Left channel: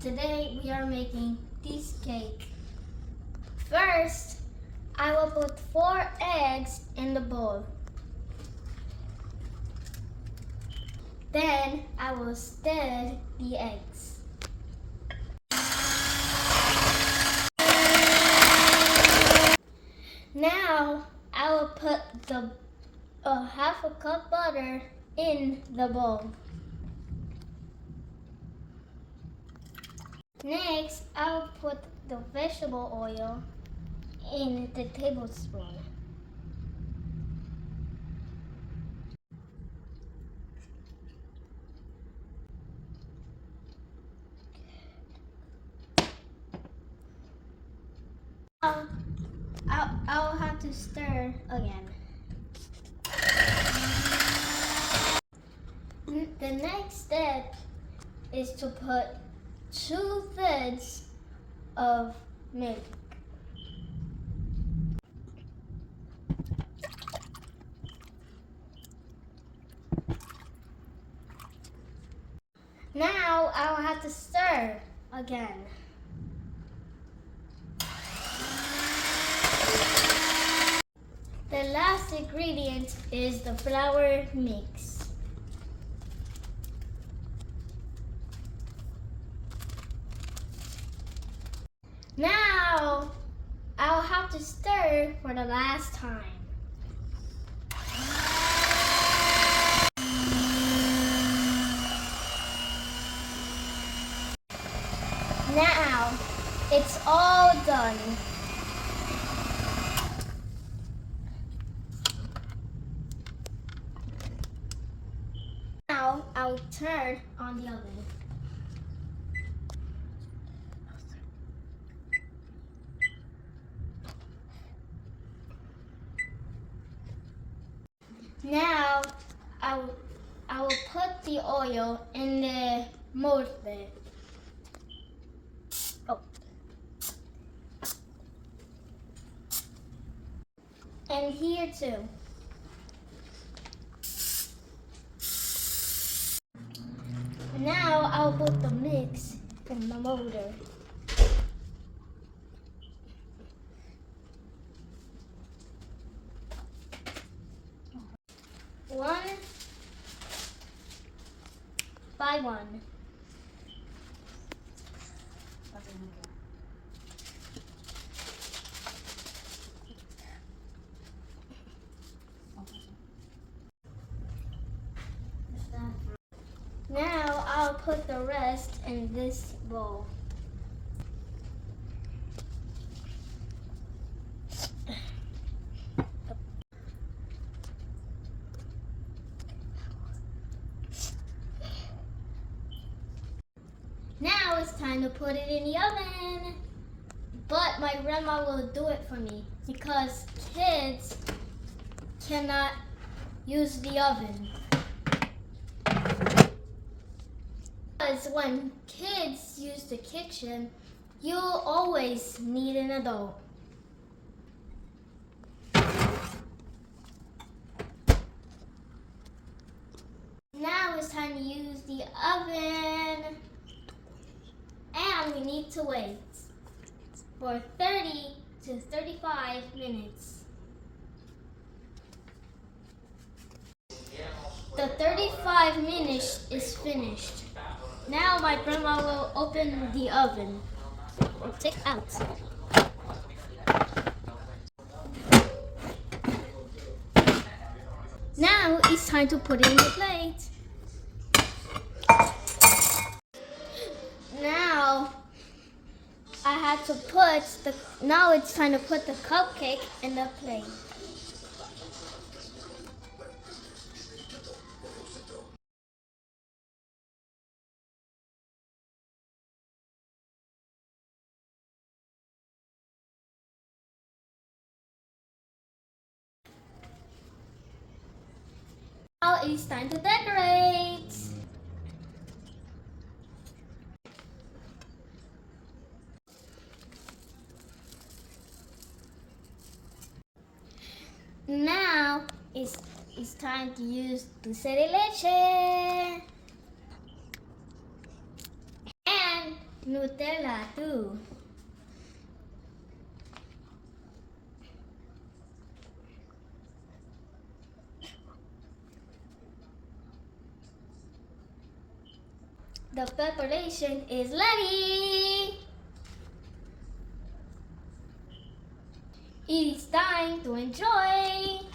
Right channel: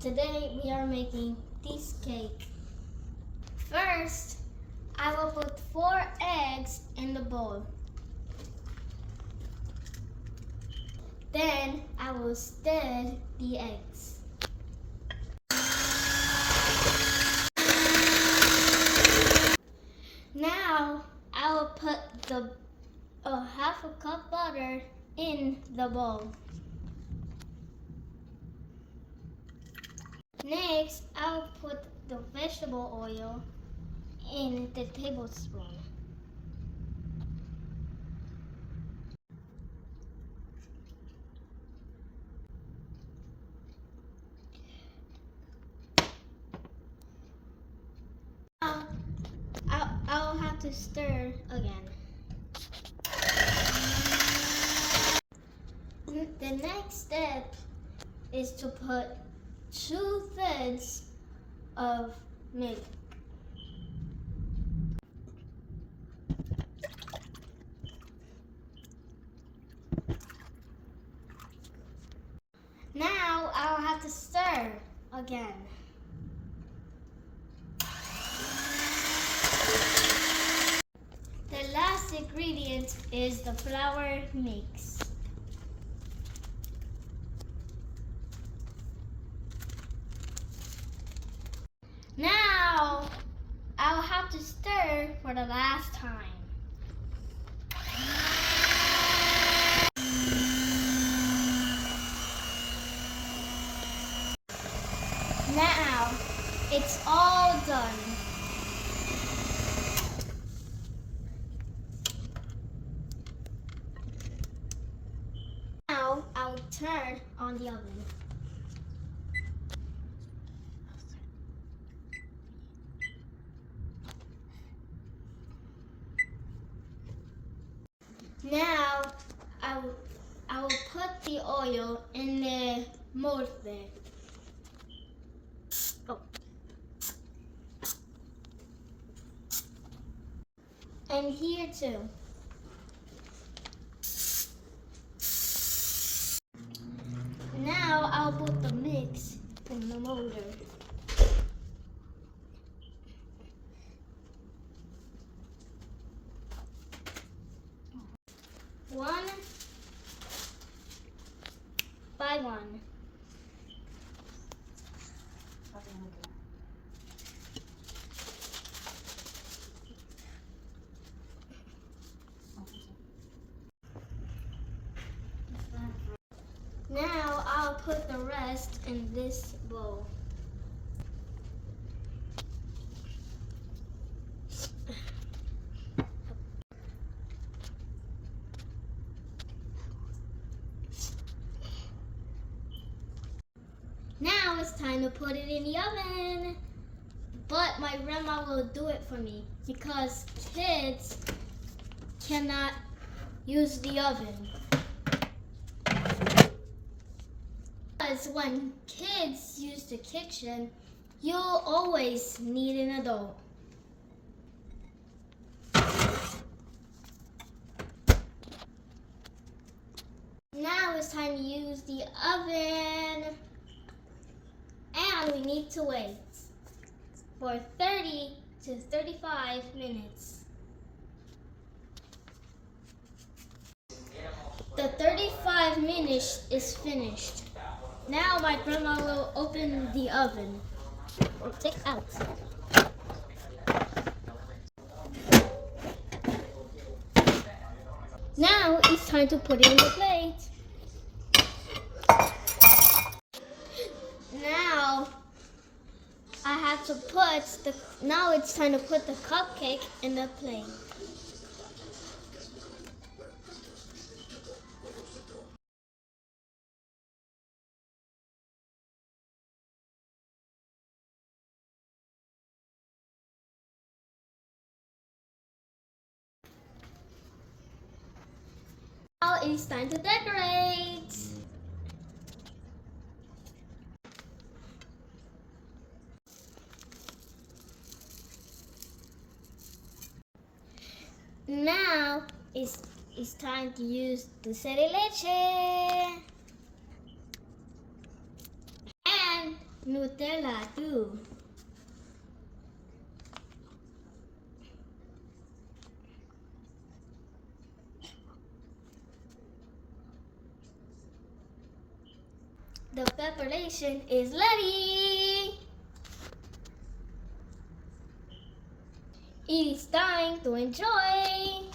Today we are making this cake. First, I will put 4 eggs in the bowl. Then I will stir the eggs. Now I will put the half a cup butter in the bowl. Next, I will put the vegetable oil in the tablespoon. I'll have to stir again. The next step is to put 2/3 of milk. Now I'll have to stir again. The last ingredient is the flour mix. Now I'll have to stir for the last time. Now it's all done. Now I'll turn on the oven. Now I will put the oil in the mold there. And here too. Now I'll put the mix in the molder. One by one. Now I'll put the rest in this bowl. Now it's time to put it in the oven. But my grandma will do it for me because kids cannot use the oven. Because when kids use the kitchen, you'll always need an adult. Now it's time to use the oven. And we need to wait for 30 to 35 minutes. The 35 minutes is finished. Now my grandma will open the oven. Or take out. Now it's time to put it in the plate. Now I have to now it's time to put the cupcake in the plate. Now it's time to decorate. Now it's time to use dulce de leche. And Nutella too. The preparation is ready. It is time to enjoy.